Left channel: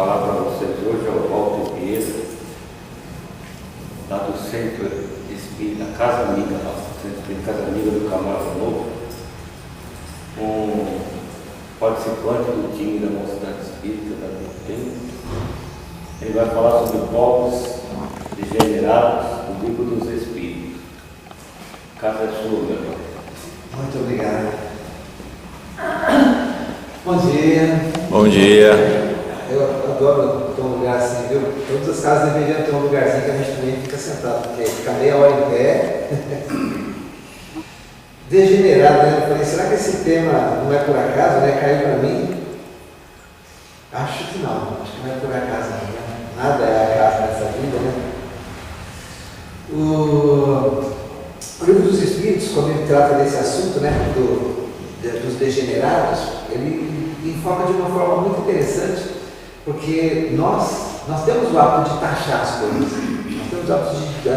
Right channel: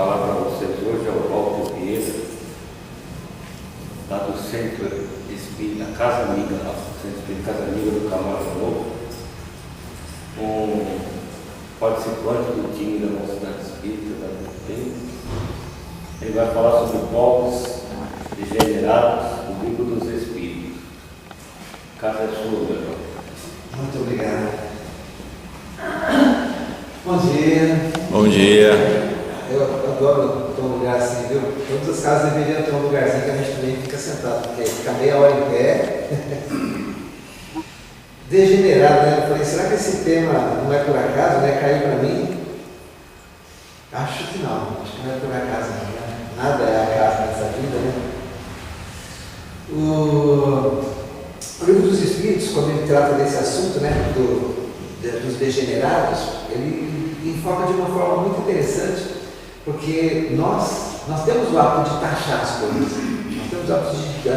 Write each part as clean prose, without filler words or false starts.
falar para vocês hoje é o Walter Vieira, lá do Centro Espírita Casa Amiga, lá do Centro Espírita Casa Amiga do Camargo Novo, um participante do time da Mocidade Espírita da UTM. Ele vai falar sobre povos degenerados do livro dos Espíritos. A casa é sua, meu irmão. Muito obrigado. Bom dia. Bom dia. Eu adoro ter um lugar assim, viu? Todas as casas deveriam ter um lugarzinho que a gente também fica sentado, porque fica meia hora em pé. Degenerado, né? Eu falei, será que esse tema não é por acaso, né? Caiu para mim? Acho que não é por acaso, não, né? Nada é acaso nessa vida, né? O livro dos Espíritos, quando ele trata desse assunto, né? Dos degenerados, ele enfoca de uma forma muito interessante, porque nós temos o hábito de taxar as coisas, nós temos o hábito de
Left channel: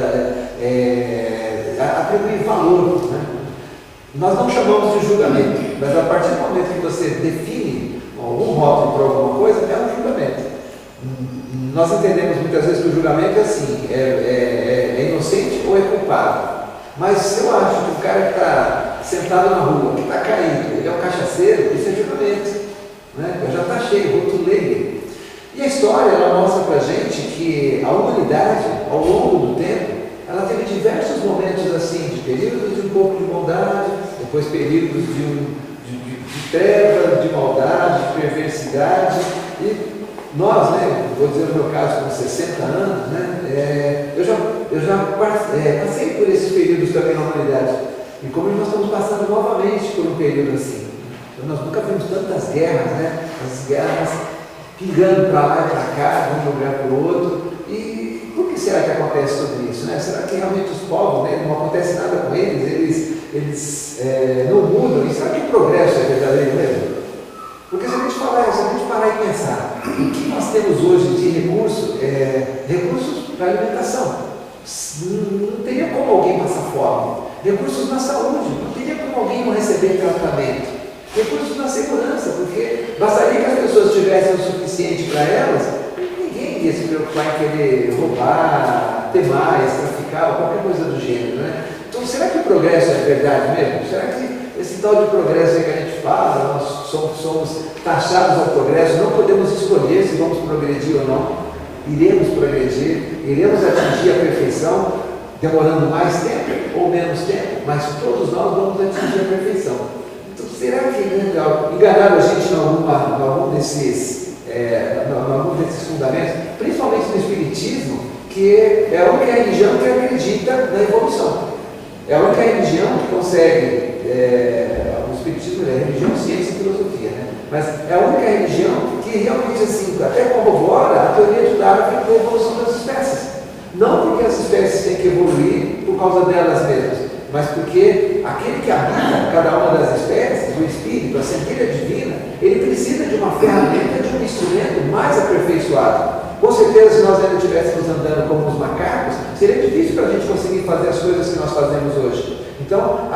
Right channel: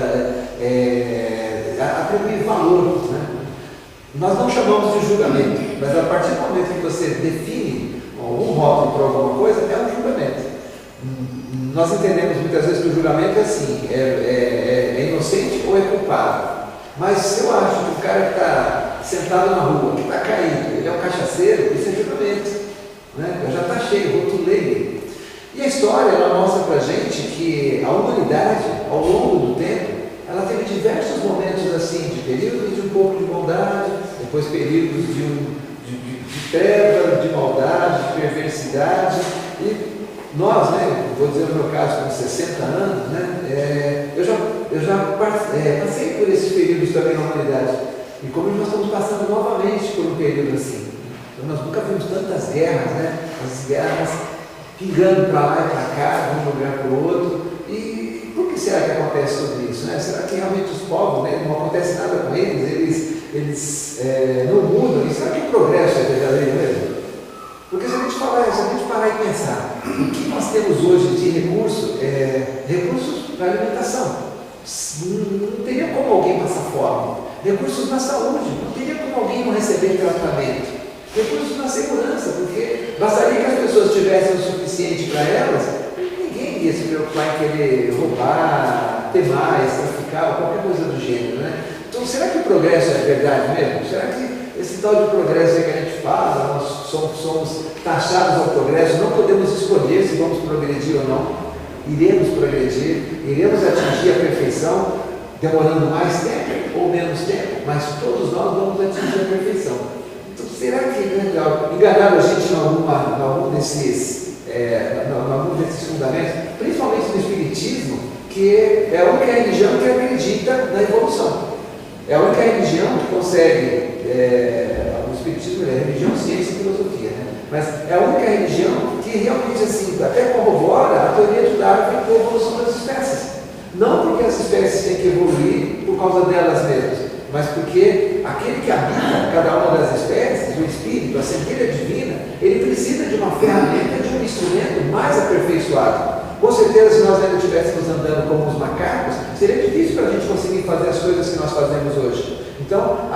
atribuir valor, né? Nós não chamamos de julgamento, mas a partir do momento que você define algum rótulo para alguma coisa, é um julgamento. Nós entendemos muitas vezes que o julgamento é assim, é inocente ou é culpado. Mas se eu acho que o cara que está sentado na rua, que está caído, ele é um cachaceiro, isso é julgamento, né? Eu já taxei, rotulei ele. E a história, ela mostra para a gente que a humanidade, ao longo do tempo, ela teve diversos momentos assim, de períodos de um pouco de bondade, depois períodos de treva, de maldade, de perversidade. E nós, né, vou dizer no meu caso, com 60 anos, né, eu já passei por esses períodos também na humanidade. E como nós estamos passando novamente por um período assim. Então, nós nunca vimos tantas guerras, né? As guerras pingando para lá e para cá, de um lugar para o outro. E por que será que acontece tudo isso, né? Será que realmente os povos, né, não acontece nada com eles não mudam? E será que o progresso é verdadeiro mesmo? Porque se a gente parar e pensar, o que nós temos hoje de recursos para alimentação, não teria como alguém passar fome. Recursos na saúde, não teria como alguém não receber tratamento. Recursos na segurança, porque bastaria que as pessoas tivessem o suficiente para elas, ninguém ia se preocupar em querer roubar, ter mais, traficar, ou qualquer coisa do gênero, né? Então, será que o progresso é verdade mesmo? Será que esse tal de progresso que a gente fala, nós somos taxados ao progresso, não podemos escolher se vamos progredir ou não? Iremos progredir, iremos atingir a perfeição, demorando mais tempo ou menos tempo, mas todos nós vamos atingir a perfeição. Então, será que enganaram a gente em algum desses fundamentos, principalmente no Espiritismo, que é a única religião que acredita na evolução? É a única religião que consegue, o Espiritismo é religião, ciência e filosofia, né? Mas é a única religião que realmente assim, até corrobora a teoria de Darwin da evolução das espécies. Não porque as espécies têm que evoluir por causa delas mesmas, mas porque aquele que habita cada uma das espécies, o Espírito, a centelha divina, ele precisa de uma ferramenta, de um instrumento mais aperfeiçoado. Com certeza, se nós ainda estivéssemos andando como os macacos, seria difícil para a gente conseguir fazer as coisas que nós fazemos hoje. Então,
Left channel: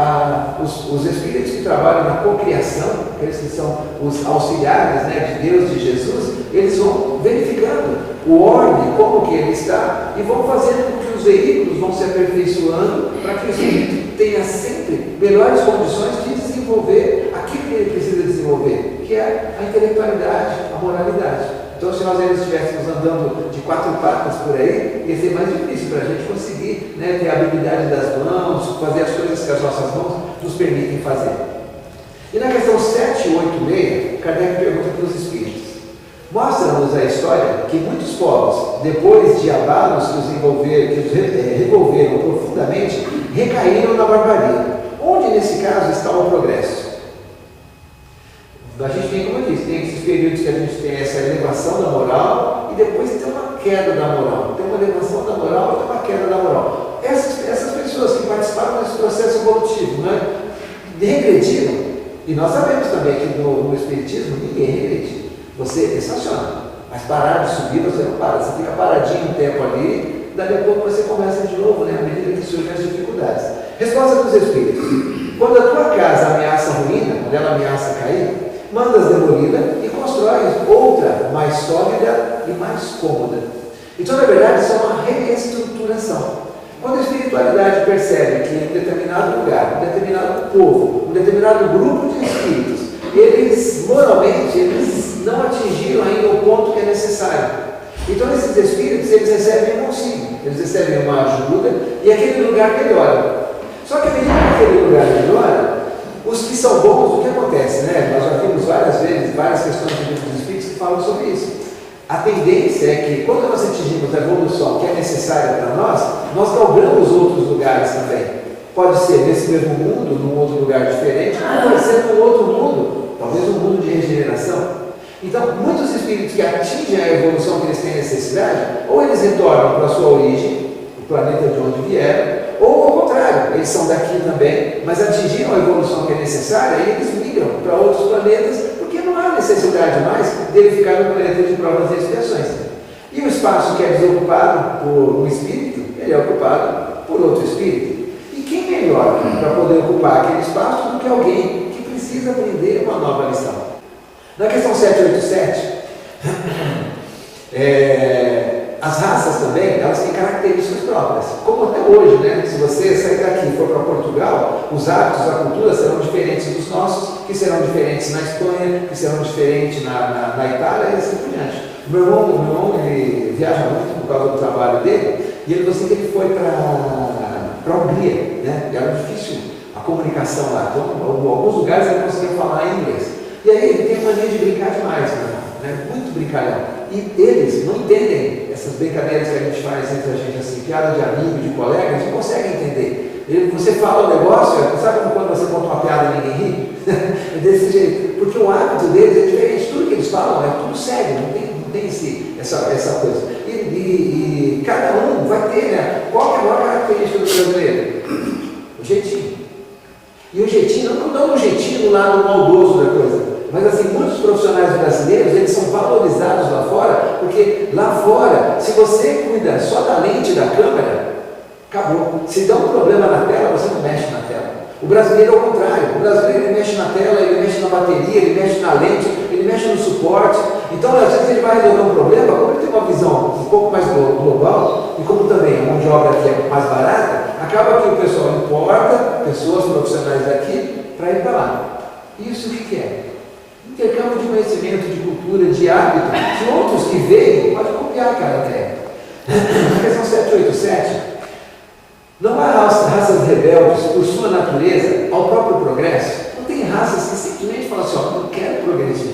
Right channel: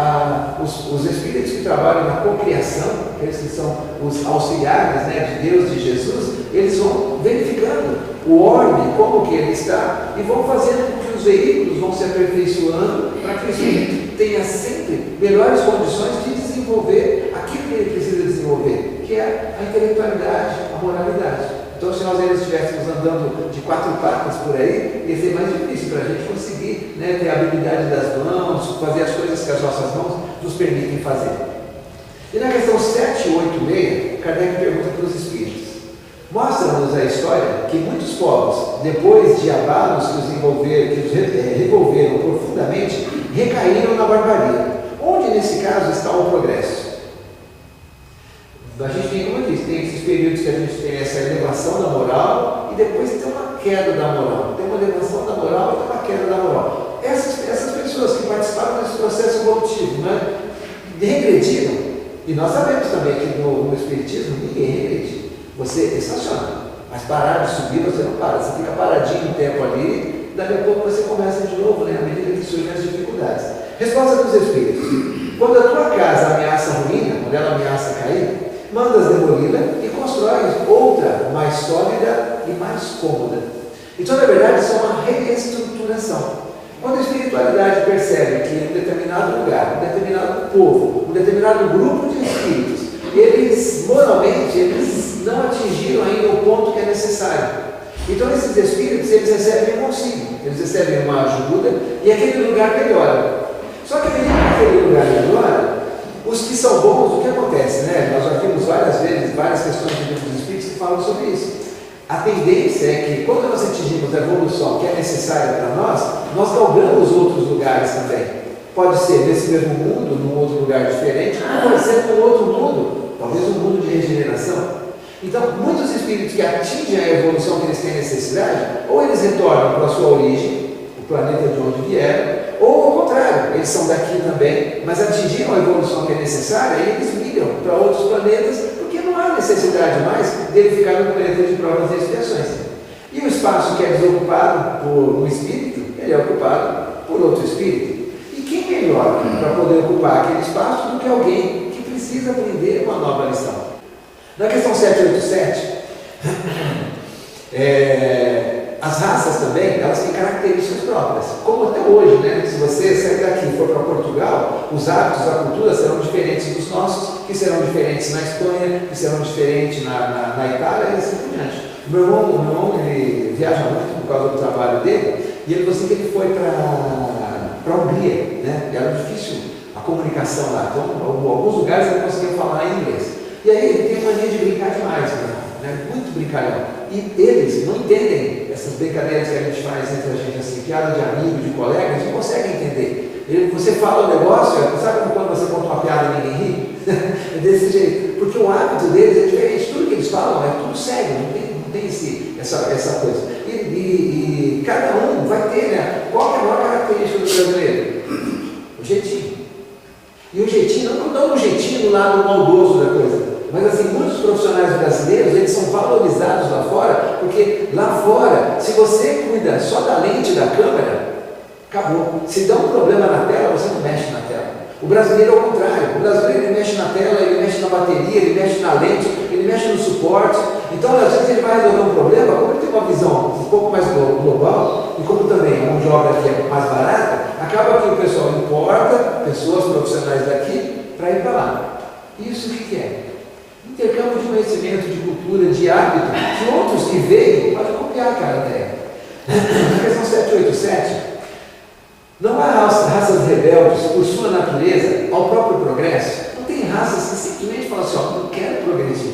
os espíritos que trabalham na cocriação, aqueles que são os auxiliares, né, de Deus, de Jesus, eles vão verificando o orbe, como que ele está, e vão fazendo com que os veículos vão se aperfeiçoando para que o espírito tenha sempre melhores condições de desenvolver aquilo que ele precisa desenvolver, que é a intelectualidade, a moralidade. Então, se nós ainda estivéssemos andando de quatro patas por aí, ia ser mais difícil para a gente conseguir, né, ter a habilidade das mãos, fazer as coisas que as nossas mãos nos permitem fazer. E na questão 786, Kardec pergunta para os espíritos: mostra-nos a história que muitos povos, depois de abalos que os revolveram profundamente, recaíram na barbarie. Onde, nesse caso, está o progresso? A gente tem, como eu disse, tem esses períodos que a gente tem essa elevação da moral e depois tem uma queda da moral. Tem uma elevação da moral e tem uma queda da moral. Essas pessoas que participaram desse processo evolutivo, né, regrediram. E nós sabemos também que no Espiritismo ninguém regrede. Você estaciona, mas parar de subir você não para. Você fica paradinho um tempo ali, daqui a pouco você começa de novo, né, à medida que surgem as dificuldades. Resposta dos Espíritos: quando a tua casa ameaça a ruína, quando ela ameaça cair, mandas demoli-la e constróis outra mais sólida e mais cômoda. Então, na verdade, isso é uma reestruturação. Quando a espiritualidade percebe que em um determinado lugar, um determinado povo, um determinado grupo de espíritos, eles, moralmente, eles não atingiram ainda o ponto que é necessário. Então, esses espíritos, eles recebem um auxílio, eles recebem uma ajuda e aquele lugar melhora. Só que, à medida que aquele lugar melhora, os que são bons, o que acontece, né? Nós já vimos várias vezes, várias questões de livros dos espíritos que falam sobre isso. A tendência é que, quando nós atingimos a evolução que é necessária para nós galgamos outros lugares também. Pode ser nesse mesmo mundo, num outro lugar diferente, ou pode ser num outro mundo, talvez um mundo de regeneração. Então, muitos espíritos que atingem a evolução que eles têm necessidade, ou eles retornam para a sua origem, o planeta de onde vieram, ou ao contrário, eles são daqui também, mas atingiram a evolução que é necessária e eles migram para outros planetas, porque não há necessidade mais dele ficar no planeta de provas e expiações. E o espaço que é desocupado por um espírito, ele é ocupado por outro espírito. E quem melhor para poder ocupar aquele espaço do que alguém que precisa aprender uma nova lição? Na questão 787, as raças também, elas têm características próprias, como até hoje, né? Se você sair daqui e for para Portugal, os hábitos, a cultura serão diferentes dos nossos, que serão diferentes na Espanha, que serão diferentes na Itália e assim por diante. O meu irmão ele viaja muito por causa do trabalho dele, e ele falou assim que ele foi para a Hungria, né? E era difícil a comunicação lá, então em alguns lugares ele conseguia falar inglês. E aí ele tem a mania de brincar demais, né? Muito brincalhão. E eles não entendem essas brincadeiras que a gente faz entre a gente, assim, piada de amigo, de colega, eles não conseguem entender. Você fala um negócio, sabe quando você conta uma piada e ninguém ri? É desse jeito. Porque o hábito deles é diferente. Tudo que eles falam é tudo sério, não tem essa coisa. E cada um vai ter, né? Qual é a maior característica do brasileiro? O jeitinho. E o jeitinho, não o jeitinho do lado maldoso da coisa. Mas assim, muitos profissionais brasileiros, eles são valorizados lá fora, porque lá fora, se você cuida só da lente da câmera, acabou. Se dá um problema na tela, você não mexe na tela. O brasileiro é o contrário. O brasileiro ele mexe na tela, ele mexe na bateria, ele mexe na lente, ele mexe no suporte. Então, às vezes ele vai resolver um problema, como ele tem uma visão um pouco mais global, e como também a mão de obra aqui é mais barata, acaba que o pessoal importa pessoas profissionais daqui para ir para lá. Isso o que é? Intercâmbio de conhecimento, de cultura, de hábito, que outros que veem podem copiar aquela ideia. Na questão 787, não há raças rebeldes por sua natureza ao próprio progresso. Não tem raças que simplesmente falam assim, ó, não quero progredir.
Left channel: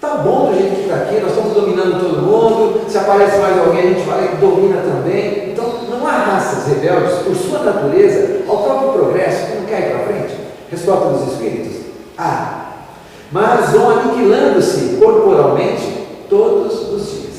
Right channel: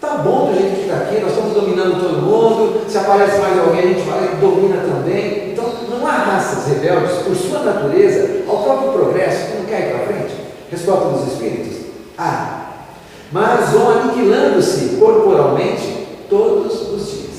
Tá bom do jeito que está aqui, nós estamos dominando todo mundo, se aparece mais alguém a gente vai e domina também. Então não há raças rebeldes por sua natureza ao próprio progresso que não quer ir para frente. Resposta dos espíritos? Mas vão aniquilando-se corporalmente todos os dias.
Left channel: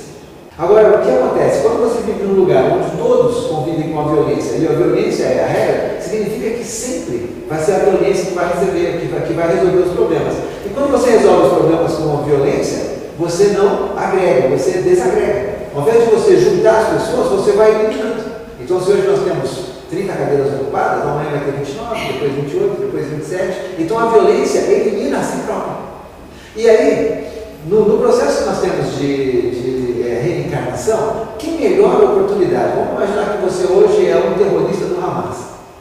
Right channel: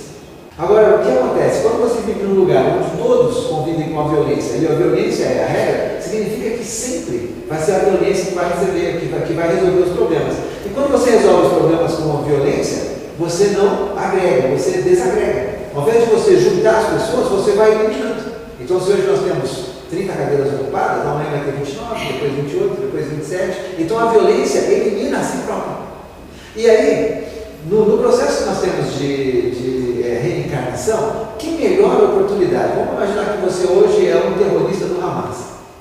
Agora, o que acontece? Quando você vive num lugar onde todos convivem com a violência, e a violência é a regra, significa que sempre vai ser a violência que vai resolver os problemas. E quando você resolve os problemas com a violência, você não agrega, você desagrega. Ao invés de você juntar as pessoas, você vai eliminando. Então, se hoje nós temos 30 cadeiras ocupadas, amanhã vai ter 29, depois 28, depois 27. Então a violência elimina a si própria. E aí, no processo que nós temos de reencarnação, que melhor oportunidade? Vamos imaginar que você hoje é um terrorista do Hamas,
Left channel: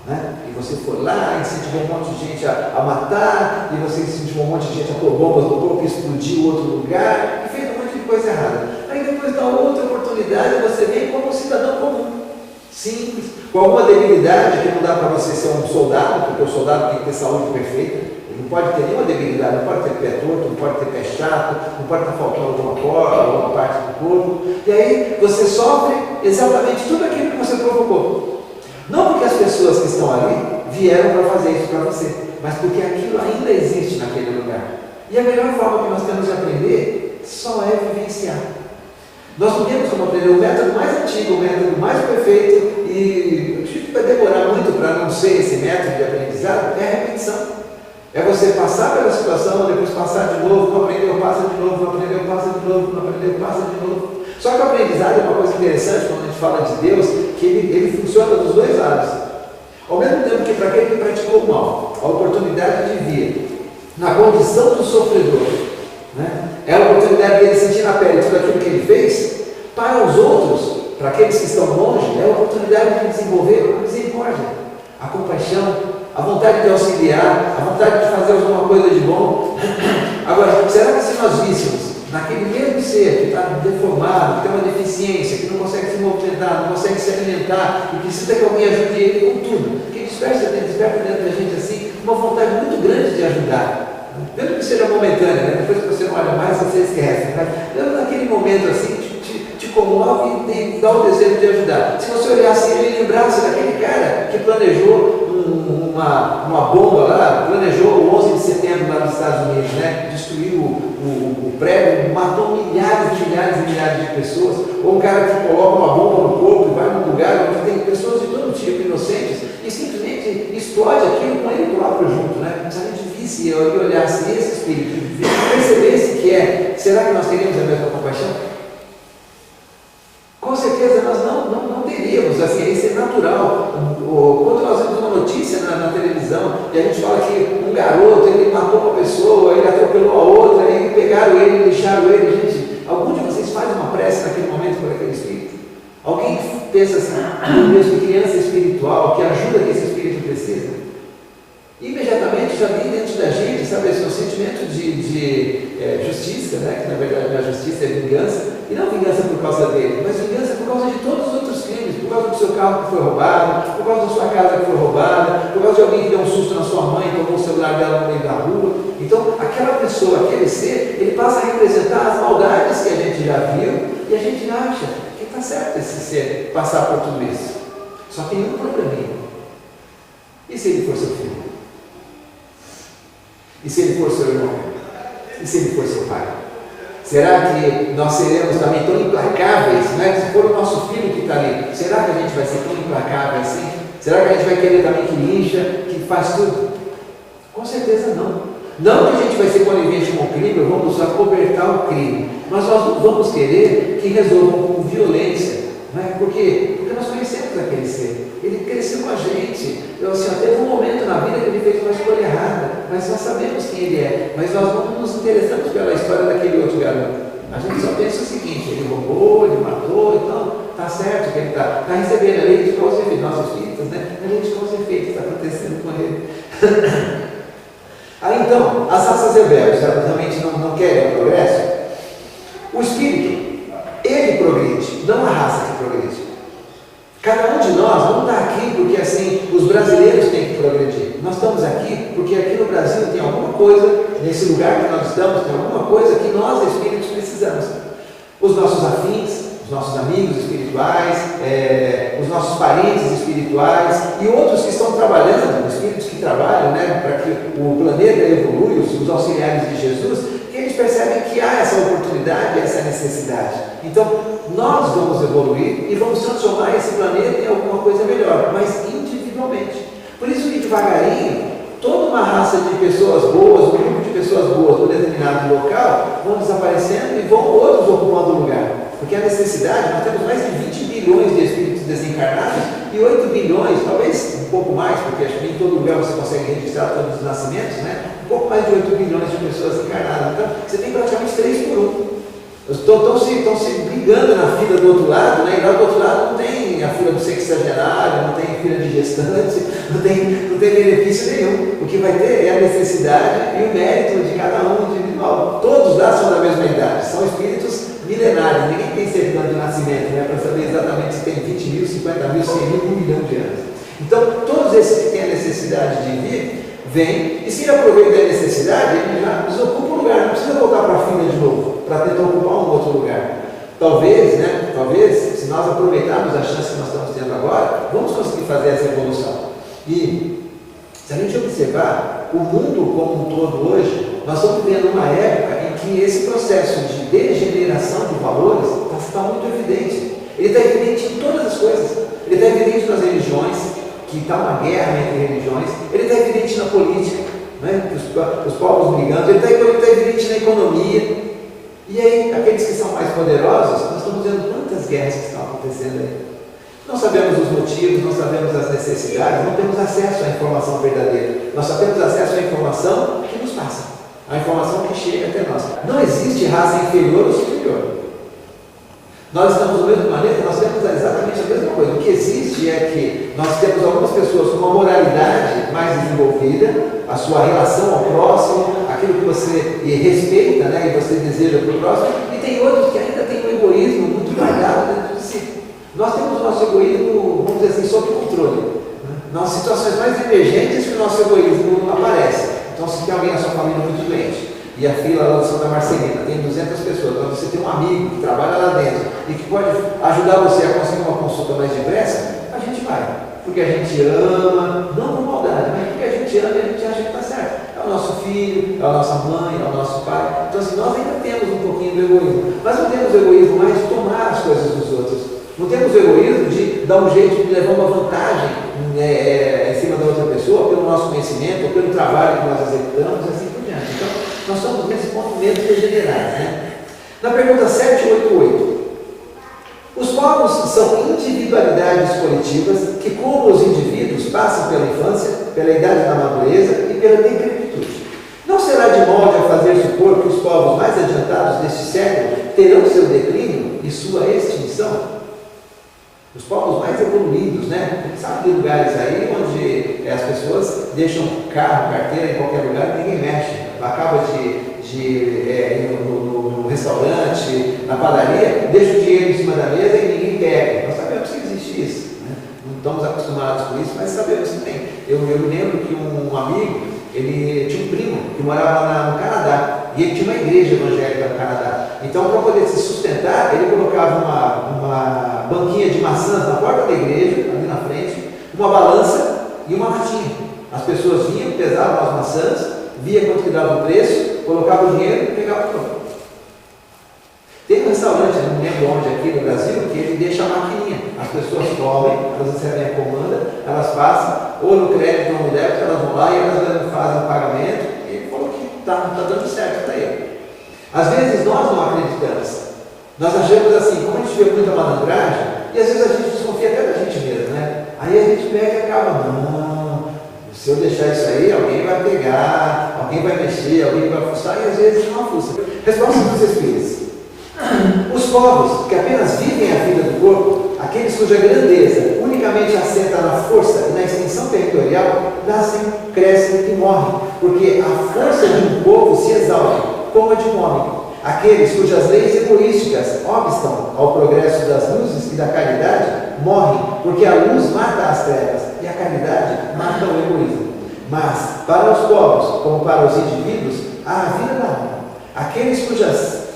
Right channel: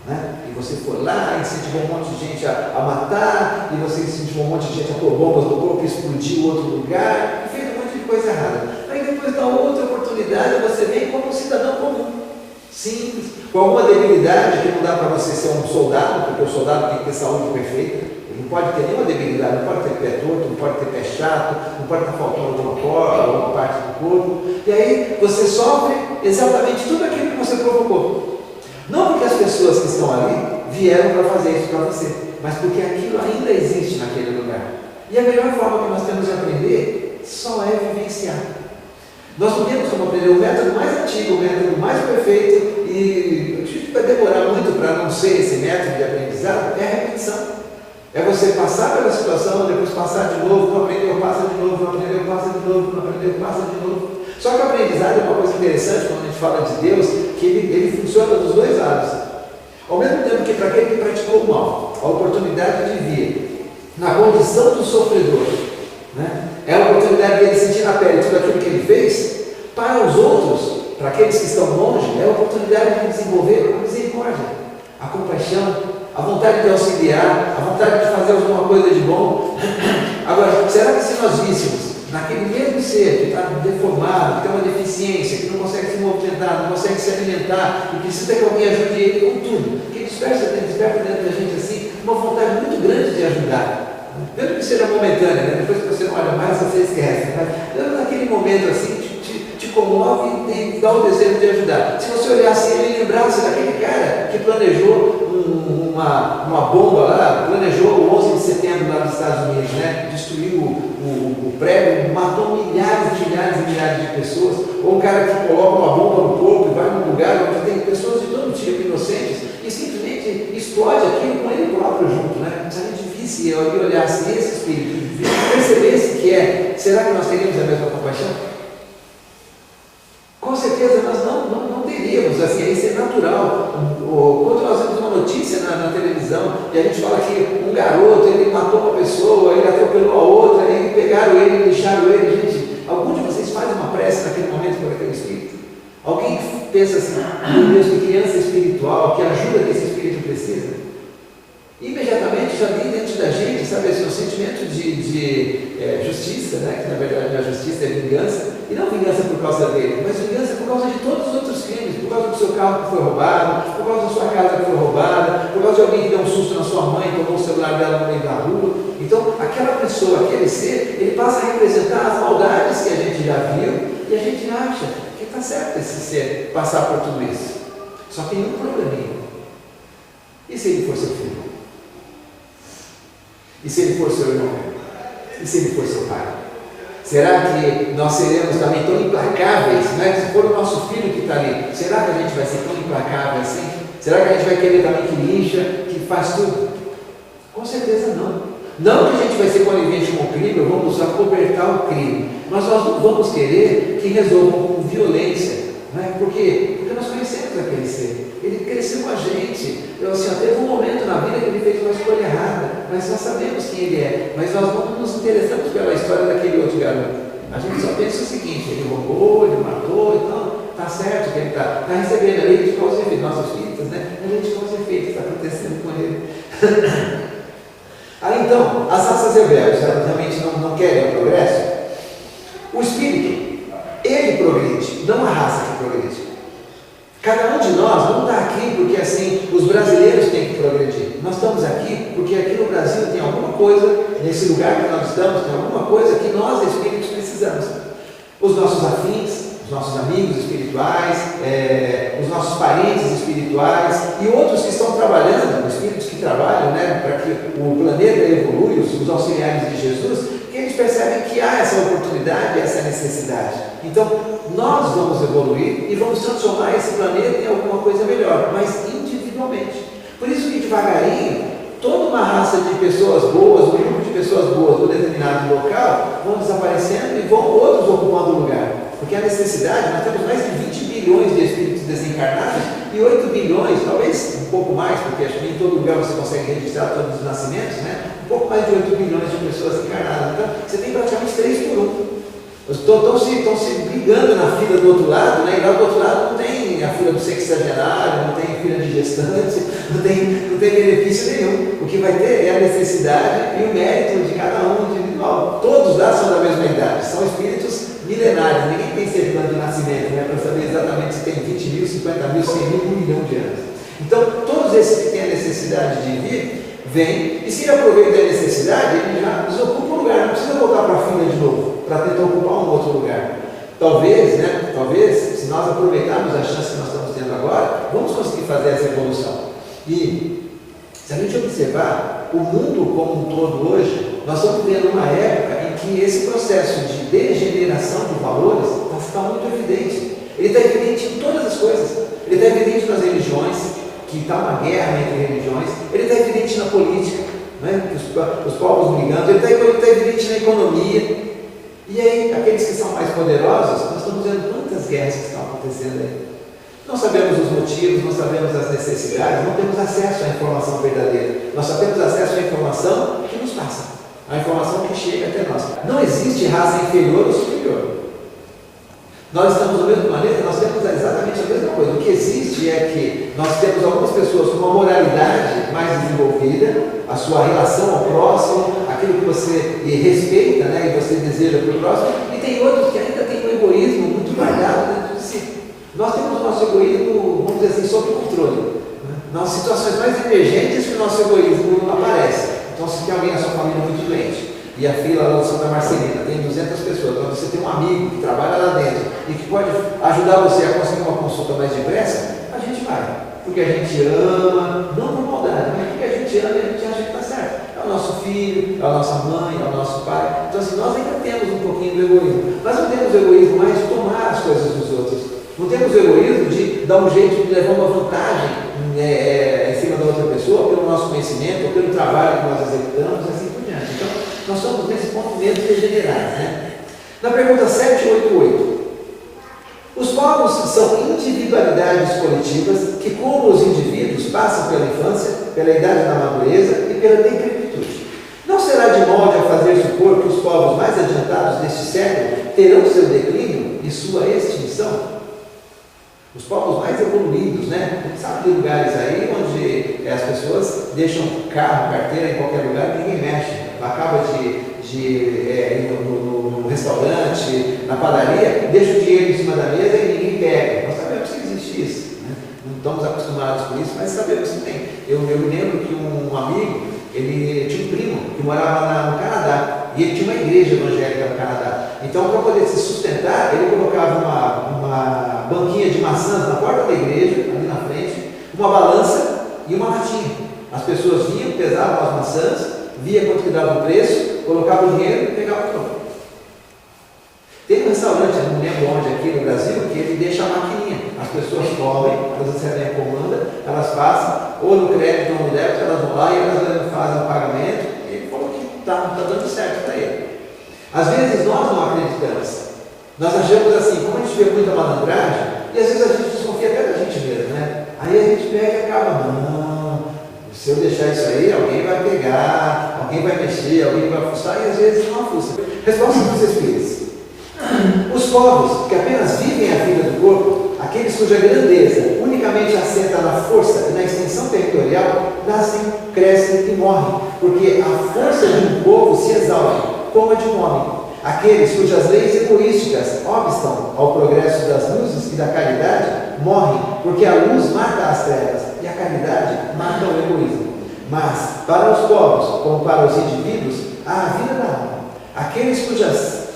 né? E você foi lá, incentivou um monte de gente a matar, e você incentivou um monte de gente a pôr bombas no corpo, explodiu outro lugar, e fez um monte de coisa errada. Aí depois da outra oportunidade, você vem como um cidadão comum. Simples, com alguma debilidade que não dá para você ser um soldado, porque o soldado tem que ter saúde perfeita, ele não pode ter nenhuma debilidade, não pode ter pé torto, não pode ter pé chato, não pode estar faltando alguma parte do corpo, e aí você sofre exatamente tudo aquilo que você provocou. Não porque as pessoas que estão ali vieram para fazer isso para você, mas porque aquilo ainda existe naquele lugar. E a melhor forma que nós temos de aprender só é vivenciar. Nós não temos como aprender o método mais antigo, o método mais perfeito, e eu acredito que vai demorar muito para não ser esse método de aprendizado, é a repetição. É você passar pela situação, depois passar de novo, não aprendeu, passa de novo, não aprendeu, passa de novo, não aprendeu, passa de novo. Só que o aprendizado é uma coisa interessante quando a gente fala de Deus, que ele funciona dos dois lados. Ao mesmo tempo que para aquele que praticou o mal, a oportunidade de vir na condição do sofredor, né? É a oportunidade dele sentir na pele tudo aquilo que ele fez. Para os outros, para aqueles que estão longe, é a oportunidade de desenvolver a misericórdia, a compaixão, a vontade de auxiliar, a vontade de fazer alguma coisa de bom. Agora, será que se nós víssemos naquele mesmo ser que está deformado, que tem uma deficiência, que não consegue se movimentar, não consegue se alimentar e precisa que alguém ajude ele com tudo, que desperta dentro da gente assim uma vontade muito grande de ajudar, mesmo que seja momentânea, né? Depois que você não olha mais, você esquece, né? Naquele momento assim, te comove e dá o desejo de ajudar. Se você olhar assim e lembrasse daquele cara que planejou uma bomba lá, planejou o 11 de setembro lá nos Estados Unidos, né? Destruiu o prédio, matou milhares e milhares de pessoas, ou um cara que coloca uma bomba no corpo e vai num lugar onde tem pessoas de todo tipo, inocentes, e simplesmente explode aquilo com ele próprio junto, né? Se a gente visse e olhasse esse espírito, percebesse que será que nós teríamos a mesma compaixão? Com certeza nós não teríamos, assim, isso é natural. Quando nós vemos uma notícia na televisão e a gente fala que um garoto, ele matou uma pessoa, ele atropelou a outra, e pegaram ele, deixaram ele, gente, algum de vocês faz uma prece naquele momento por aquele espírito? Alguém pensa assim, meu Deus, que criança espiritual, que ajuda que esse espírito precisa? Imediatamente já vem dentro da gente, sabe, esse sentimento de justiça, né? Que na verdade a justiça é vingança, e não vingança por causa dele, mas vingança por causa de todos os outros crimes, por causa do seu carro que foi roubado, por causa da sua casa que foi roubada, por causa de alguém que deu um susto na sua mãe, tomou o celular dela no meio da rua. Então, aquela pessoa, aquele ser, ele passa a representar as maldades que a gente já viu, e a gente acha que está certo esse ser passar por tudo isso. Só tem um probleminha. E se ele for seu filho? E se ele for seu irmão? E se ele for seu pai? Será que nós seremos também tão implacáveis, né? Se for o nosso filho que está ali, será que a gente vai ser tão implacável assim? Será que a gente vai querer também que lixa, que faz tudo? Com certeza não. Não que a gente vai ser conivente com o crime, ou vamos acobertar o crime, mas nós não vamos querer que resolvam com violência. Né? Por quê? Porque nós conhecemos aquele ser. Ele cresceu com a gente. Teve um momento na vida que ele fez uma escolha errada, mas nós sabemos quem ele é. Mas nós não nos interessamos pela história daquele outro garoto. A gente só pensa o seguinte: ele roubou, ele matou, então está certo que ele está recebendo a lei de causa e efeito. Nossos espíritos, né? A lei de causa e efeito está acontecendo com ele. Aí então, as raças rebeldes, elas realmente não querem o progresso? O espírito, ele progride, não a raça que progride. Cada um de nós não está aqui porque assim os brasileiros têm que progredir. Nós estamos aqui porque aqui no Brasil tem alguma coisa, nesse lugar que nós estamos, tem alguma coisa que nós espíritos precisamos. Os nossos afins, os nossos amigos espirituais, os nossos parentes espirituais e outros que estão trabalhando, os espíritos que trabalham, né, para que o planeta evolua, os auxiliares de Jesus, que eles percebem que há essa oportunidade, essa necessidade. Então, nós vamos evoluir e vamos transformar esse planeta em alguma coisa melhor, mas individualmente. Por isso que devagarinho, toda uma raça de pessoas boas, um grupo de pessoas boas num determinado local, vão desaparecendo e vão outros ocupando o lugar. Porque a necessidade, nós temos mais de 20 bilhões de espíritos desencarnados e 8 bilhões, talvez um pouco mais, porque acho que em todo lugar você consegue registrar todos os nascimentos, né? Um pouco mais de 8 bilhões de pessoas encarnadas. Então, você tem praticamente 3 por 1. Estão se brigando na fila do outro lado, né? E lá do outro lado não tem a fila do sexagenário, não tem fila de gestante, não tem benefício nenhum. O que vai ter é a necessidade e o mérito de cada um individual. Todos lá são da mesma idade, são espíritos milenários, ninguém tem certidão de nascimento, né? Para saber exatamente se tem 20 mil, 50 mil, 100 mil, 1 milhão de anos. Então, todos esses que têm a necessidade de vir, vêm, e se aproveitam da necessidade, ele já desocupa o lugar, não precisa voltar para a fila de novo, para tentar ocupar um outro lugar. Talvez, se nós aproveitarmos a chance que nós estamos tendo agora, vamos conseguir fazer essa evolução. E, se a gente observar o mundo como um todo hoje, nós estamos vivendo uma época em que esse processo de degeneração de valores está muito evidente. Ele está evidente em todas as coisas. Ele está evidente nas religiões, que está uma guerra entre religiões. Ele está evidente na política, né? Os povos brigando. Ele está evidente na economia. E aí, aqueles que são mais poderosos, nós estamos vendo quantas guerras que estão acontecendo aí. Não sabemos os motivos, não sabemos as necessidades, não temos acesso à informação verdadeira. Nós só temos acesso à informação que nos passa. a informação que chega até nós. Não existe raça inferior ou superior. Nós estamos no mesmo planeta, nós temos exatamente a mesma coisa. O que existe é que nós temos algumas pessoas com uma moralidade mais desenvolvida, a sua relação ao próximo, aquilo que você respeita, né, e você deseja para o próximo, e tem outros que ainda têm um egoísmo muito guardado dentro de si. Nós temos o nosso egoísmo, vamos dizer assim, sob controle. Nas situações mais emergentes que o nosso egoísmo aparece. Então, se tem alguém na sua família muito doente, e a fila lá do Santa Marcelina tem 200 pessoas, quando você tem um amigo que trabalha lá dentro e que pode ajudar você a conseguir uma consulta mais depressa, a gente vai. Porque a gente ama, não por maldade, mas porque a gente ama e a gente acha que está certo. É o nosso filho, é a nossa mãe, é o nosso pai. Então, assim, nós ainda temos um pouquinho do egoísmo. Mas não temos o egoísmo mais de tomar as coisas dos outros. Não temos o egoísmo de dar um jeito de levar uma vantagem em cima da outra pessoa, pelo nosso conhecimento, ou pelo trabalho que nós executamos, e assim por diante. Então, nós somos nesse ponto menos degenerados, né? Na pergunta 788, os povos são individualidades coletivas que, como os indivíduos, passam pela infância, pela idade da madureza e pela decrepitude. Não será de molde a fazer supor que os povos mais adiantados deste século terão seu declínio e sua extinção? Os povos mais evoluídos, né? A gente sabe de lugares aí onde as pessoas deixam carro, carteira em qualquer lugar e ninguém mexe. Acaba de ir no restaurante, na padaria, deixa o dinheiro em cima da mesa e ninguém pega. Nós sabemos que existe isso, né? Não estamos acostumados com isso, mas sabemos que tem. Eu me lembro que um amigo, ele tinha um primo que morava no Canadá e ele tinha uma igreja evangélica no Canadá. Então, para poder se sustentar, ele colocava uma banquinha de maçãs na porta da igreja, ali na frente, uma balança e uma latinha. As pessoas vinham, pesavam as maçãs, via quanto que dava o preço, colocava o dinheiro e pegava o troco. Tem um restaurante, não lembro onde aqui no Brasil, que ele deixa a maquininha. As pessoas comem, elas recebem a comanda, elas passam, ou no crédito ou no débito, elas vão lá e elas fazem o pagamento. E ele falou que está dando certo para ele. Às vezes nós não acreditamos. Nós achamos assim, como a gente vê muita malandragem, e às vezes a gente desconfia até da gente mesmo, né? Aí a gente pega e acaba, não, se eu deixar isso aí, alguém vai pegar, alguém vai mexer, alguém vai fuçar, e às vezes não fuça. Resposta dos Espíritos. Os povos que apenas vivem a vida do corpo, aqueles cuja grandeza unicamente assenta na força e na extensão territorial, nascem, crescem e morrem, porque a força de um povo se exaure, como a de um homem. Aqueles cujas leis egoísticas obstam ao progresso das luzes e da caridade, morrem, porque a luz mata as trevas e a caridade mata o egoísmo. Mas, para os povos, como para os indivíduos, há a vida da alma. Aqueles cujas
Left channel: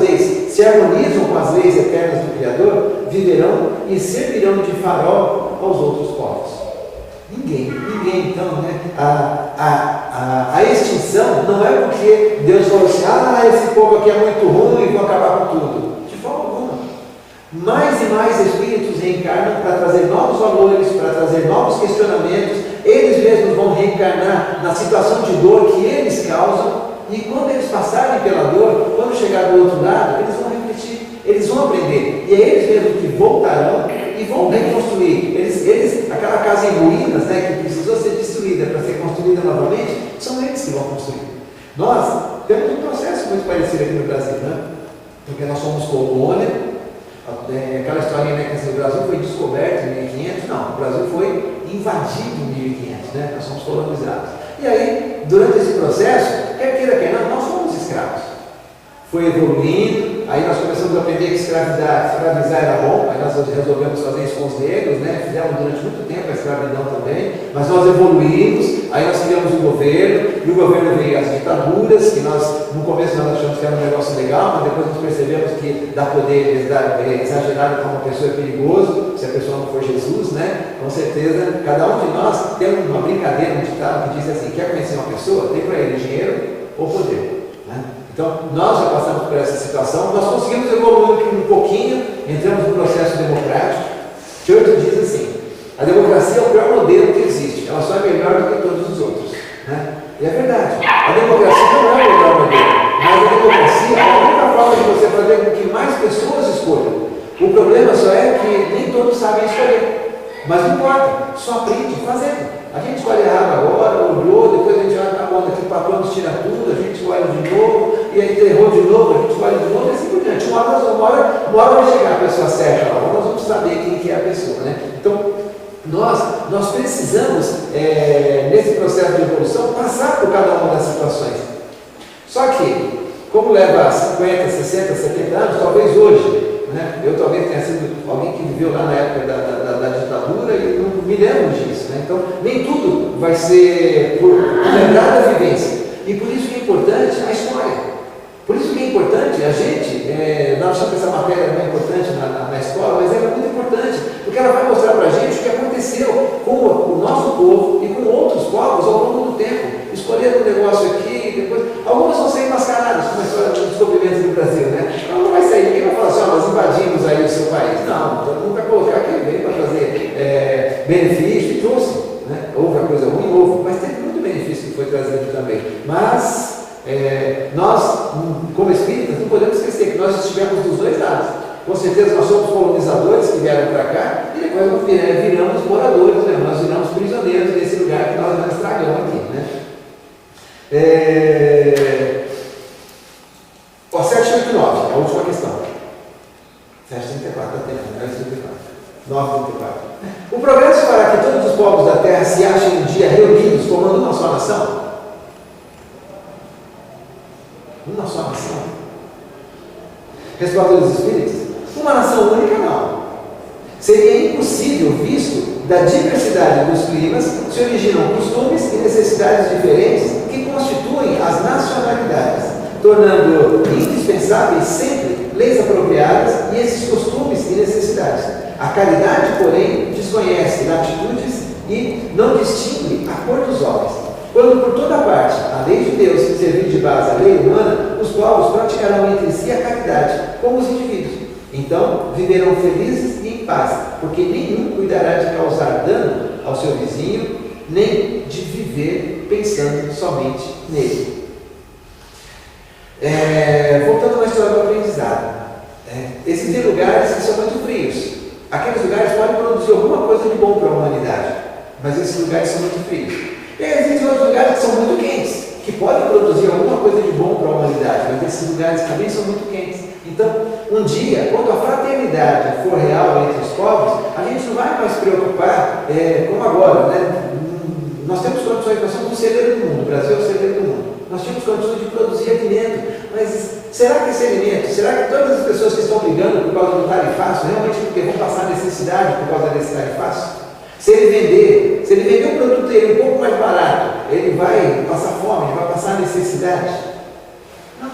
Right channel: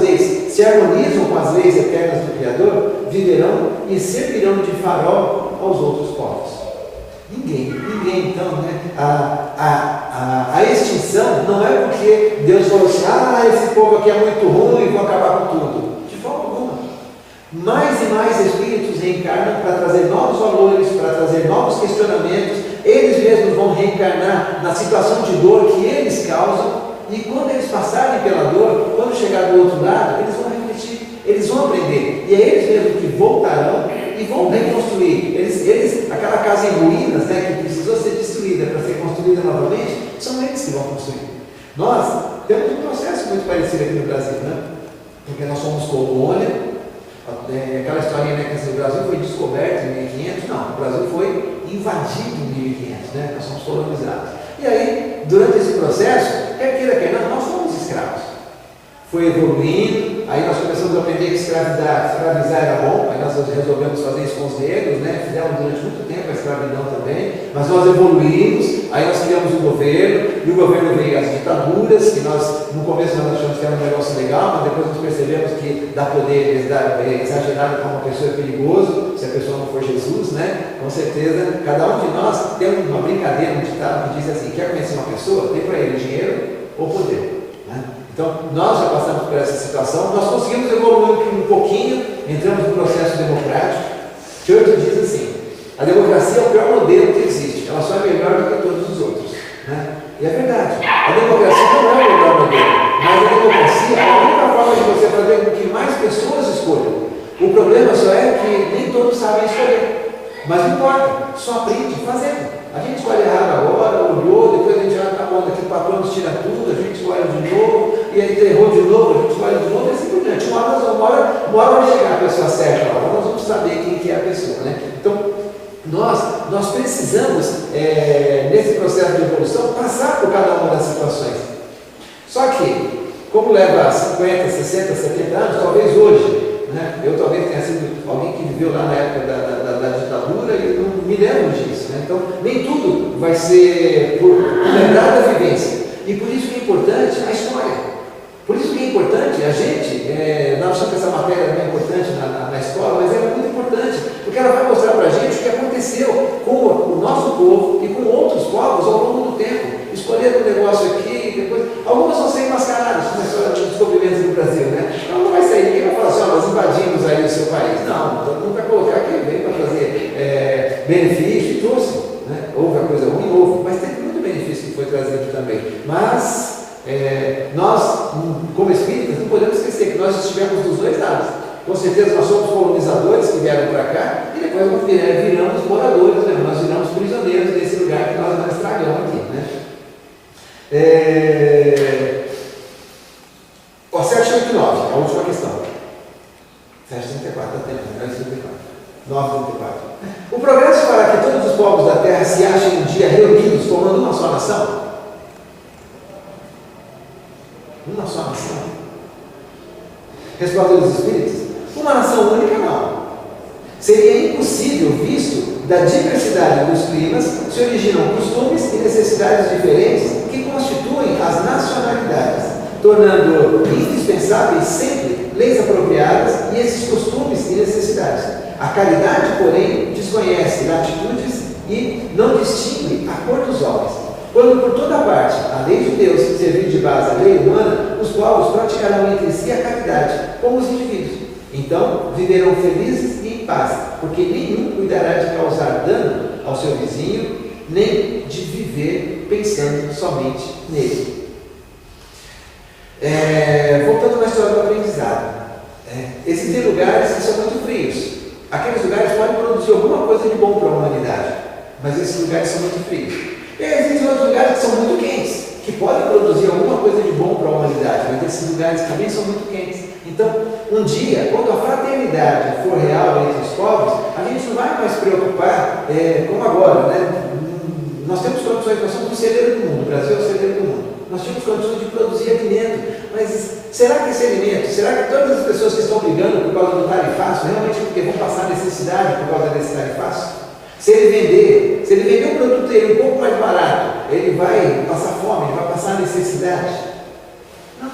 leis se harmonizam com as leis eternas do Criador, viverão e servirão de farol aos outros povos. Ninguém, então, né? A extinção não é porque Deus falou assim, esse povo aqui é muito ruim, vou acabar com tudo. De forma alguma. Mais e mais espíritos reencarnam para trazer novos valores, para trazer novos questionamentos. Eles mesmos vão reencarnar na situação de dor que eles causam. E quando eles passarem pela dor, quando chegar do outro lado, eles vão refletir, eles vão aprender. E é eles mesmos que voltarão e vão reconstruir. Aquela casa em ruínas, né, que precisou ser destruída para ser construída novamente, são eles que vão construir. Nós temos um processo muito parecido aqui no Brasil, né? Porque nós somos colônia. Aquela historinha, né, que o Brasil foi descoberto em 1500, não, o Brasil foi invadido em 1500, né? Nós somos colonizados. E aí, durante esse processo, quer queira, quer não, nós fomos escravos. Foi evoluindo, aí nós começamos a aprender que escravizar era bom, aí nós resolvemos fazer isso com os negros, né? Fizemos durante muito tempo a escravidão também, mas nós evoluímos, aí nós criamos um governo, e o governo veio as ditaduras, que nós, no começo nós achamos que era um negócio legal, mas depois nós percebemos que dar poder exagerado para uma pessoa é perigoso, se a pessoa não for Jesus, né? Com certeza, cada um de nós tem uma brincadeira, um ditado que diz assim, quer conhecer uma pessoa, dê para ele dinheiro ou poder, né? Então, nós já passamos por essa situação, nós conseguimos evoluir um pouquinho, entramos no processo democrático. Churchill diz assim, a democracia é o pior modelo que existe, ela só é melhor do que todos os outros, né? E é verdade, a democracia não é o melhor modelo, mas a democracia é a única forma de você fazer com que mais pessoas escolham. O problema só é que nem todos sabem escolher, mas não importa, só aprende fazendo. A gente escolhe errado agora, olhou, depois a gente já está conta que o patrão nos tira tudo, a gente escolhe de novo, e aí errou de novo, a gente escolhe de novo, e assim por diante. Uma hora vai chegar a pessoa certa lá, nós vamos saber quem que é a pessoa, né? Então, nós precisamos, nesse processo de evolução, passar por cada uma das situações. Só que, como leva 50, 60, 70 anos, talvez hoje, né? Eu talvez tenha sido alguém que viveu lá na época da ditadura e não me lembro disso, né? Então, nem tudo vai ser por lembrar da vivência. E por isso que é importante a história. Por isso que é importante a gente, nós achamos que essa matéria não é importante na escola, mas ela é muito importante, porque ela vai mostrar para a gente o que aconteceu com o nosso povo e com outros povos ao longo do tempo. Escolheram um negócio aqui, depois. Algumas vão ser mascaradas, como a história dos descobrimentos do Brasil, né? Então não vai sair, ninguém vai falar assim, nós invadimos aí o seu país. Não, todo mundo vai colocar que veio para trazer benefício e trouxe. Né? Houve a coisa ruim, houve, mas teve muito benefício que foi trazido também. Mas nós, como espíritas, não podemos esquecer que nós estivemos dos dois lados. Com certeza nós somos colonizadores que vieram para cá e depois nós viramos moradores, né? Nós viramos prisioneiros desse lugar que nós estragamos aqui. Né? 789, a última questão. 734, dá tempo, 934. O progresso fará que todos os povos da Terra se achem um dia reunidos formando uma só nação? Uma só nação? Resposta dos Espíritos: uma nação única não. Seria impossível, visto da diversidade dos climas, se originam costumes e necessidades diferentes que constituem as nacionalidades, tornando indispensáveis sempre leis apropriadas e esses costumes e necessidades. A caridade, porém, desconhece latitudes e não distingue a cor dos homens. Quando por toda parte a lei de Deus servir de base à lei humana, os povos praticarão entre si a caridade, como os indivíduos. Então viverão felizes e em paz, porque nenhum cuidará de causar dano ao seu vizinho, nem de viver pensando somente nele. Voltando à história do aprendizado, existem lugares que são muito frios. Aqueles lugares podem produzir alguma coisa de bom para a humanidade, mas esses lugares são muito frios. E existem outros lugares que são muito quentes, que podem produzir alguma coisa de bom para a humanidade, mas esses lugares também são muito quentes. Então, um dia, quando a fraternidade for real entre os povos, a gente não vai mais se preocupar, como agora, né? Nós temos condições, nós somos o celeiro do mundo, o Brasil é o celeiro do mundo. Nós temos condições de produzir alimento, mas será que esse alimento, será que todas as pessoas que estão brigando por causa do tarifaço, realmente porque vão passar necessidade por causa desse tarifaço? Se ele vender o produto dele um pouco mais barato, ele vai passar fome, ele vai passar necessidade? Não.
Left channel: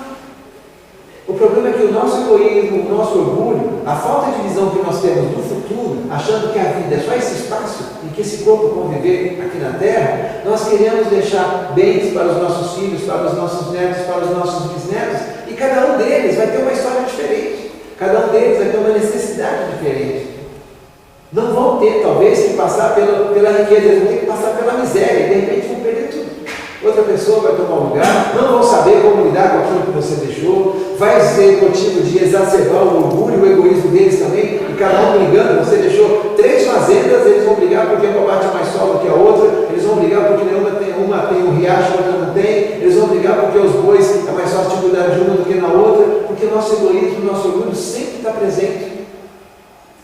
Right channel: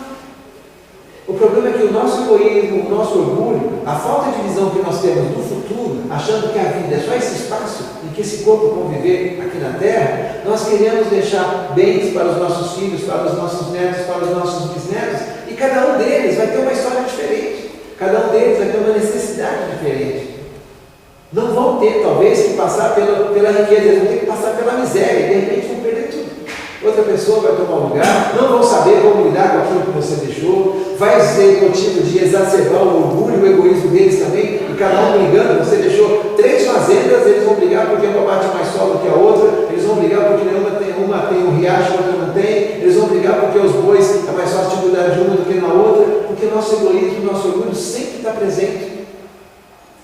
O problema é que o nosso egoísmo, o nosso orgulho, a falta de visão que nós temos do futuro, achando que a vida é só esse espaço em que esse corpo conviver aqui na Terra, nós queremos deixar bens para os nossos filhos, para os nossos netos, para os nossos bisnetos, e cada um deles vai ter uma história diferente, cada um deles vai ter uma necessidade diferente. Não vão ter, talvez, que passar pela riqueza, eles vão ter que passar pela miséria, e de repente vão perder tudo. Outra pessoa vai tomar um lugar, não vão saber como lidar com aquilo que você deixou, vai ser motivo de exacerbar o orgulho e o egoísmo deles também, e cada um brigando. Você deixou 3 fazendas, eles vão brigar porque uma bate mais sol do que a outra, eles vão brigar porque uma tem um riacho, a outra não tem, eles vão brigar porque os bois é mais fácil de cuidar de uma do que na outra, porque o nosso egoísmo, o nosso orgulho sempre está presente.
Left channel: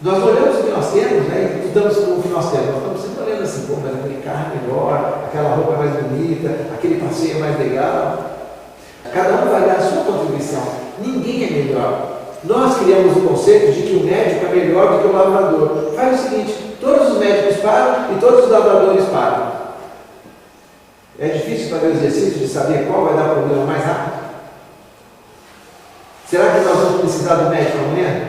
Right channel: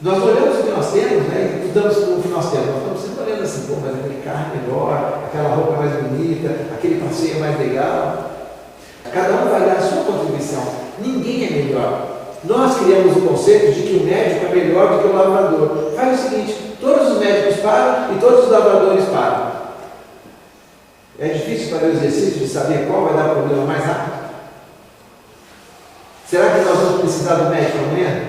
Nós olhamos o que nós temos, né, e estudamos o que nós temos. Nós estamos sempre olhando assim, pô, mas aquele carro é melhor, aquela roupa é mais bonita, aquele passeio é mais legal. Cada um vai dar a sua contribuição. Ninguém é melhor. Nós criamos o conceito de que o médico é melhor do que o lavrador. Faz o seguinte, todos os médicos param e todos os lavradores param. É difícil fazer o exercício de saber qual vai dar problema mais rápido? Será que nós vamos precisar do médico amanhã?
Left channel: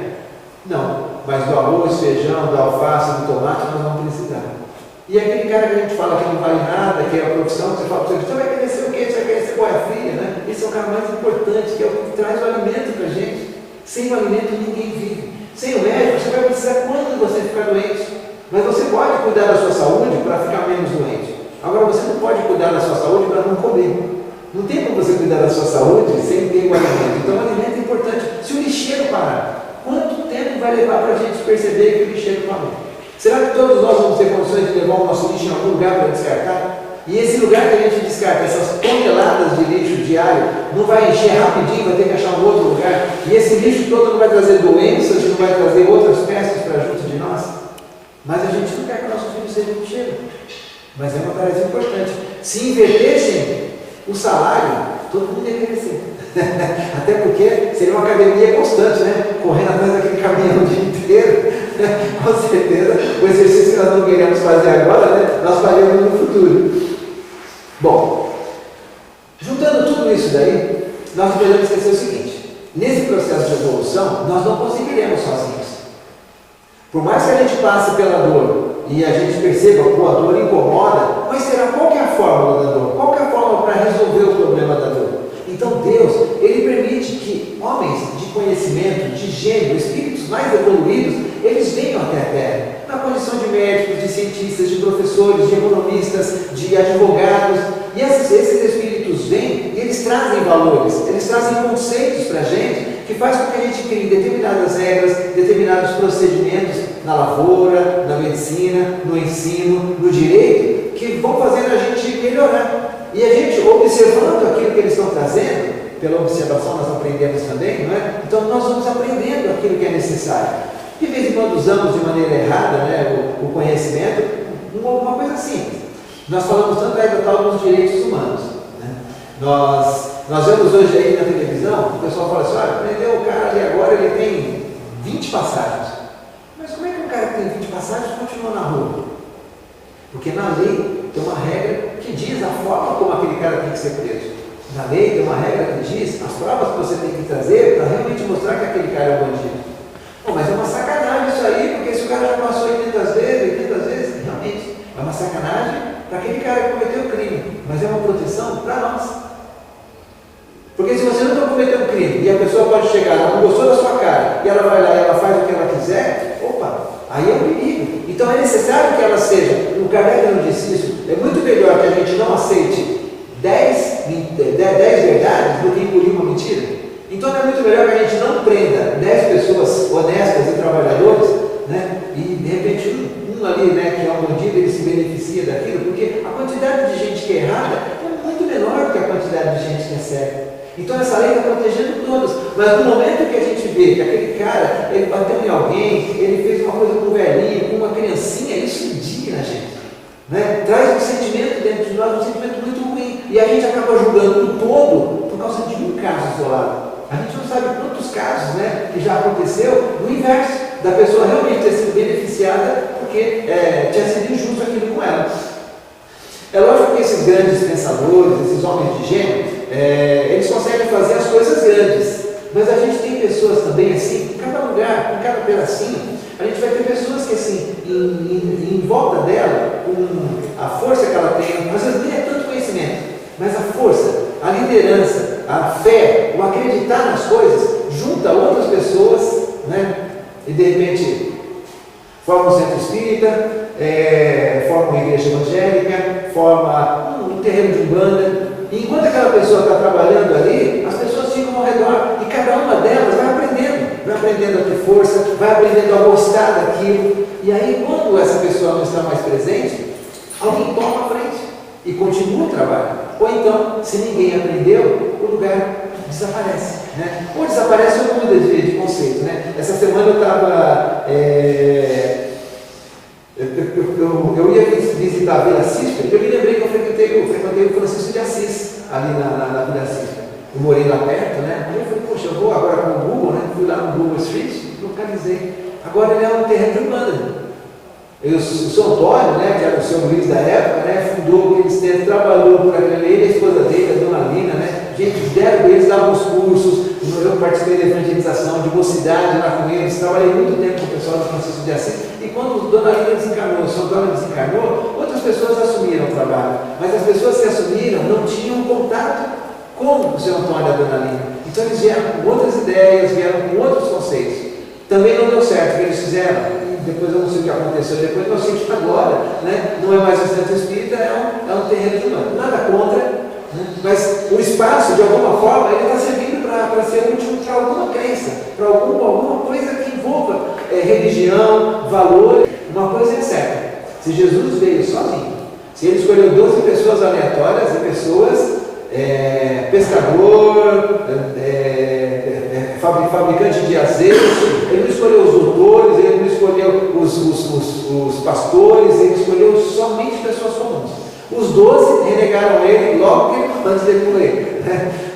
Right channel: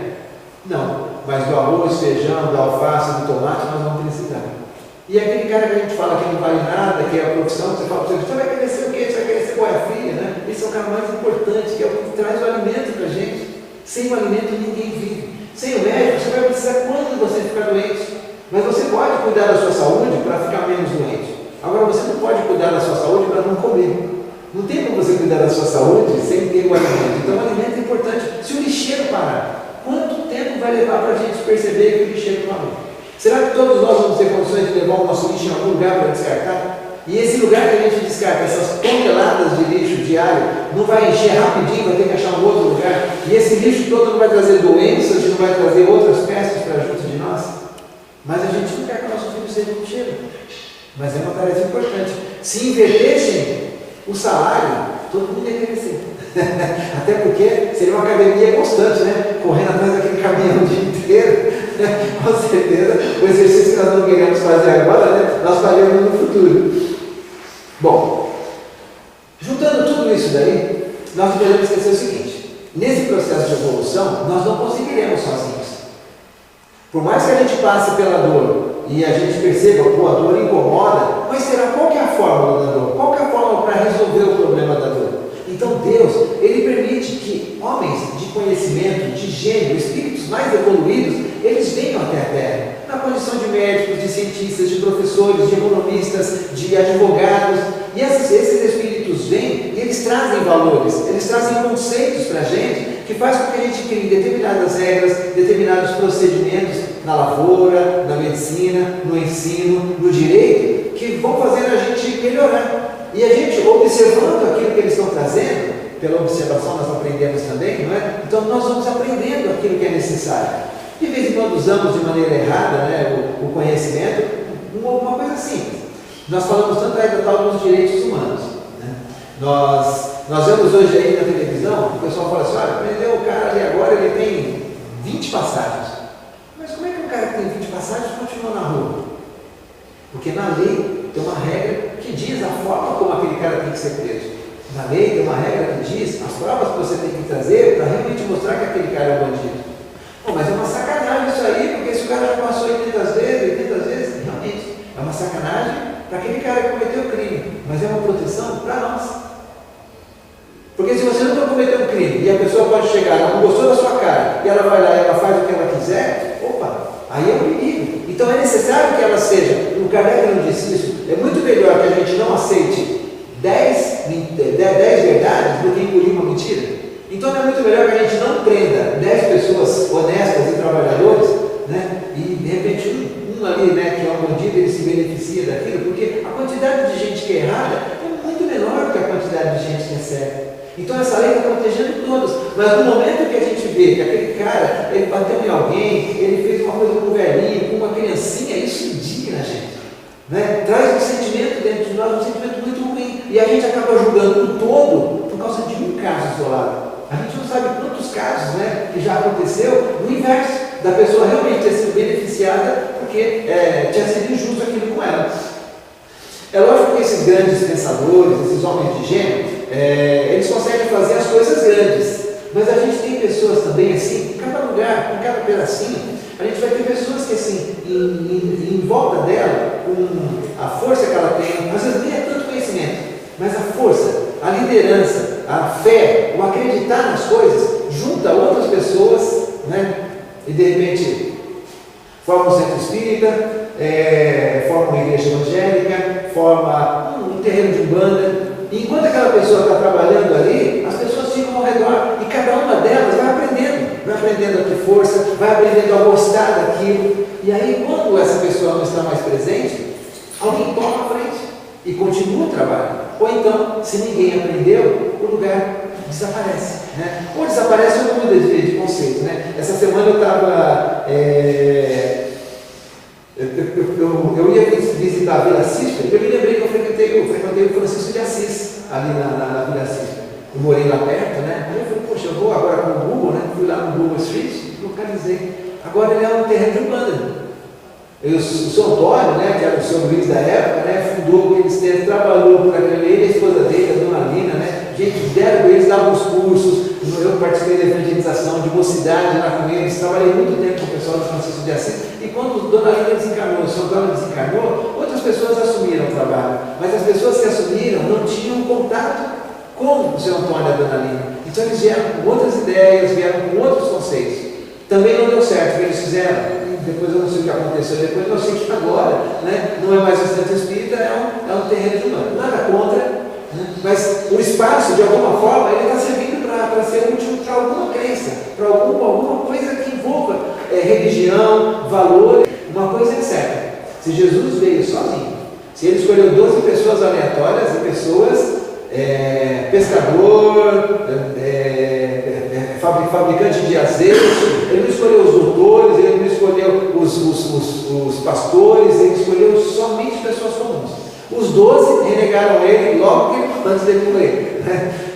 Não. Mas do arroz, feijão, da alface, do tomate, nós não precisamos. E aquele cara que a gente fala que não vale nada, que é a profissão, você fala para você vai querer ser o quê? Você vai querer ser boia fria, né? Esse é o cara mais importante, que é o que traz o alimento para a gente. Sem o alimento ninguém vive. Sem o médico, você vai precisar quando você ficar doente. Mas você pode cuidar da sua saúde para ficar menos doente. Agora, você não pode cuidar da sua saúde para não comer. Não tem como você cuidar da sua saúde sem ter o alimento. Então, o alimento é importante. Se o lixeiro parar, quanto tempo vai levar para a gente perceber que o lixeiro parou? Será que todos nós vamos ter condições de levar o nosso lixo em algum lugar para descartar? E esse lugar que a gente descarta, essas toneladas de lixo diário, não vai encher rapidinho, vai ter que achar um outro lugar. E esse lixo todo não vai trazer doenças, não vai trazer outras pestes para junto de nós. Mas a gente não quer que o nosso filho seja um cheiro. Mas é uma tarefa importante. Se invertessem o salário, todo mundo ia crescer. Até porque seria uma academia constante, né? Correndo atrás daquele caminhão o dia inteiro. Com certeza, o exercício que nós não queremos fazer agora, né? Nós faremos no futuro. Bom, juntando tudo isso daí, nós podemos esquecer o seguinte: nesse processo de evolução, nós não conseguiremos sozinhos. Por mais que a gente passe pela dor e a gente perceba que a dor incomoda, mas será qual que é a fórmula da dor? Qual que é a fórmula para resolver o problema da dor? Então Deus, Ele permite que homens de conhecimento, de gênio, espíritos mais evoluídos, eles venham até a Terra, na condição de médicos, de cientistas, de professores, de economistas, de advogados, e esses espíritos vêm e eles trazem valores, eles trazem conceitos para a gente, que faz com que a gente crie determinadas regras, determinados procedimentos na lavoura, na medicina, no ensino, no direito, que vão fazer a gente melhorar. E a gente, observando aquilo que eles estão trazendo, pela observação nós aprendemos também, não é? Então nós vamos aprendendo aquilo que é necessário. De vez em quando usamos de maneira errada, né, o conhecimento, uma coisa simples. Nós falamos tanto aí da tal dos direitos humanos. Né? Nós vemos hoje aí na televisão, o pessoal fala assim: olha, prendeu o cara ali agora, ele tem 20 passagens. Mas como é que um cara que tem 20 passagens continua na rua? Porque na lei tem uma regra que diz a forma como aquele cara tem que ser preso. Na lei tem uma regra que diz as provas que você tem que trazer para realmente mostrar que aquele cara é bandido. Bom, mas é uma sacanagem isso aí, porque se o cara já passou 80 vezes, realmente é uma sacanagem para aquele cara que cometeu o crime, mas é uma proteção para nós. Porque se você nunca cometeu um crime e a pessoa pode chegar, ela não gostou da sua cara, e ela vai lá e ela faz o que ela quiser, opa, aí é um perigo. Então é necessário que ela seja, o Kardec não disse isso, é muito melhor que a gente não aceite 10 verdades do que engolir uma mentira. Então é muito melhor que a gente não prenda 10 pessoas honestas e trabalhadores, né? E de repente um ali, né, que é um bandido, ele se beneficia daquilo, porque a quantidade de gente que é errada é muito menor do que a quantidade de gente que é certa. Então essa lei está protegendo todos, mas no momento que a gente vê que aquele cara, ele bateu em alguém, ele fez uma coisa com um velhinho, com uma criancinha, isso indigna a gente, né? Traz um sentimento dentro de nós, um sentimento muito ruim, e a gente acaba julgando o todo por causa de um caso isolado. A gente não sabe quantos casos, né, que já aconteceu no inverso, da pessoa realmente ter sido beneficiada porque tinha sido injusto aquilo com ela. É lógico que esses grandes pensadores, esses homens de gênio, eles conseguem fazer as coisas grandes, mas a gente tem pessoas também assim, em cada lugar, em cada pedacinho, a gente vai ter pessoas que assim, em volta dela, com a força que ela tem, às vezes nem é tanto conhecimento, mas a força, a liderança, a fé, o acreditar nas coisas, junta outras pessoas, né? E de repente forma um centro espírita, forma uma igreja evangélica, forma um terreno de umbanda. E enquanto aquela pessoa está trabalhando ali, as pessoas ficam ao redor e cada uma delas vai aprendendo a ter força, vai aprendendo a gostar daquilo. E aí, quando essa pessoa não está mais presente, alguém toma a frente e continua o trabalho. Ou então, se ninguém aprendeu, o lugar desaparece, né? Ou desaparece ou muda de conceito, né? Essa semana eu estava... eu ia visitar a Vila Císpera e eu me lembrei que eu frequentei o Francisco de Assis, ali na Vila Císpera. Eu morei lá perto, né? Aí eu falei, poxa, eu vou agora com o Google, né? Fui lá no Google Street, localizei. Agora ele é um terreno de umbanda. O seu Antônio, né, que era o seu Luiz da época, né, fundou aqueles tempos, trabalhou por aquele, ele e a esposa dele, a dona Lina, né, gente, eles davam os cursos, eu participei da evangelização, de mocidade lá com eles, trabalhei muito tempo com o pessoal do Francisco de Assis, e quando a dona Lina desencarnou, o seu Antônio desencarnou, outras pessoas assumiram o trabalho, mas as pessoas que assumiram não tinham contato com o seu Antônio e a dona Lina, então eles vieram com outras ideias, vieram com outros conceitos. Também não deu certo o que eles fizeram. Depois eu não sei o que aconteceu depois, eu sei que agora, né, não é mais um centro espírita, é um terreno de humano. Nada contra, né, mas o espaço, de alguma forma, ele está servindo para ser útil para alguma crença, para alguma coisa que envolva religião, valor. Uma coisa é certa: se Jesus veio sozinho, Se ele escolheu 12 pessoas aleatórias e pessoas, pescador, fabricante de azeite, ele não escolheu os doutores, ele não escolheu os pastores, ele escolheu somente pessoas comuns. Os 12 renegaram ele logo antes dele morrer.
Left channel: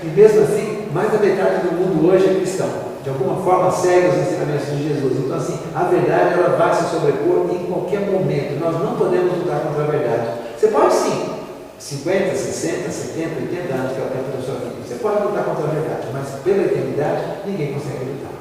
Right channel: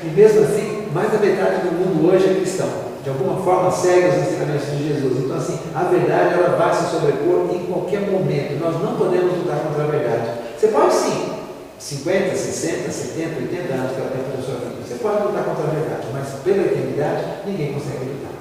E mesmo assim, mais da metade do mundo hoje é cristão. De alguma forma segue os ensinamentos de Jesus. Então assim, a verdade ela vai se sobrepor em qualquer momento. Nós não podemos lutar contra a verdade. Você pode sim, 50, 60, 70, 80 anos que é o tempo da sua vida. Você pode lutar contra a verdade, mas pela eternidade ninguém consegue lutar.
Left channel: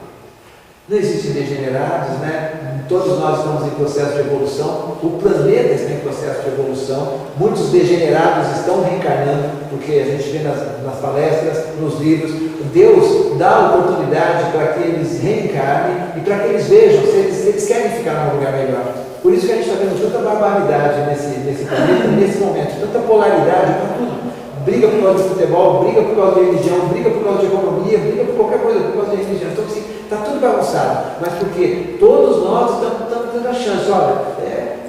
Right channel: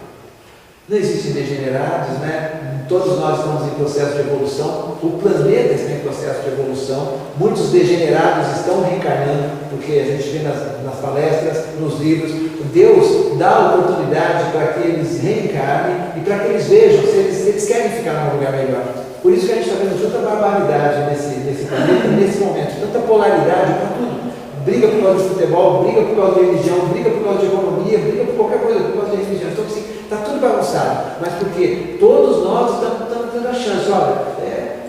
Não existem degenerados, né? Todos nós estamos em processo de evolução, o planeta está em processo de evolução, muitos degenerados estão reencarnando, porque a gente vê nas palestras, nos livros, Deus dá a oportunidade para que eles reencarnem e para que eles vejam se eles querem ficar num lugar melhor. Por isso que a gente está vendo tanta barbaridade nesse planeta, nesse momento, tanta polaridade para tudo. Briga por causa de futebol, briga por causa de religião, briga por causa de economia, briga por qualquer coisa, por causa de religião. Então, assim, está tudo bagunçado. Mas porque todos nós estamos tendo a chance. Olha,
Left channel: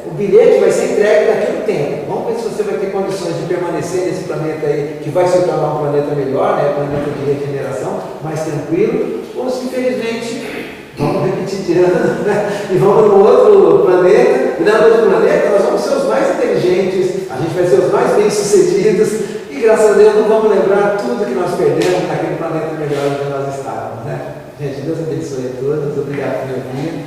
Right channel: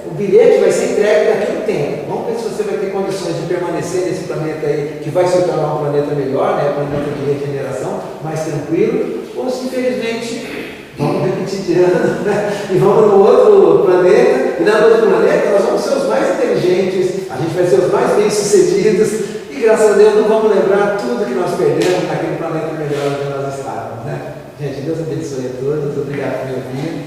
o bilhete vai ser entregue daqui a um tempo. Vamos ver se você vai ter condições de permanecer nesse planeta aí, que vai se tornar um planeta melhor, né? Um planeta de regeneração, mais tranquilo. Ou se, infelizmente, vamos repetir de ano, né? E vamos no outro planeta. E no outro planeta nós vamos ser os mais inteligentes, a gente vai ser os mais bem-sucedidos. E graças a Deus não vamos lembrar tudo que nós perdemos naquele planeta melhor onde nós estávamos, né? Gente, Deus abençoe a todos, obrigado por me ouvir.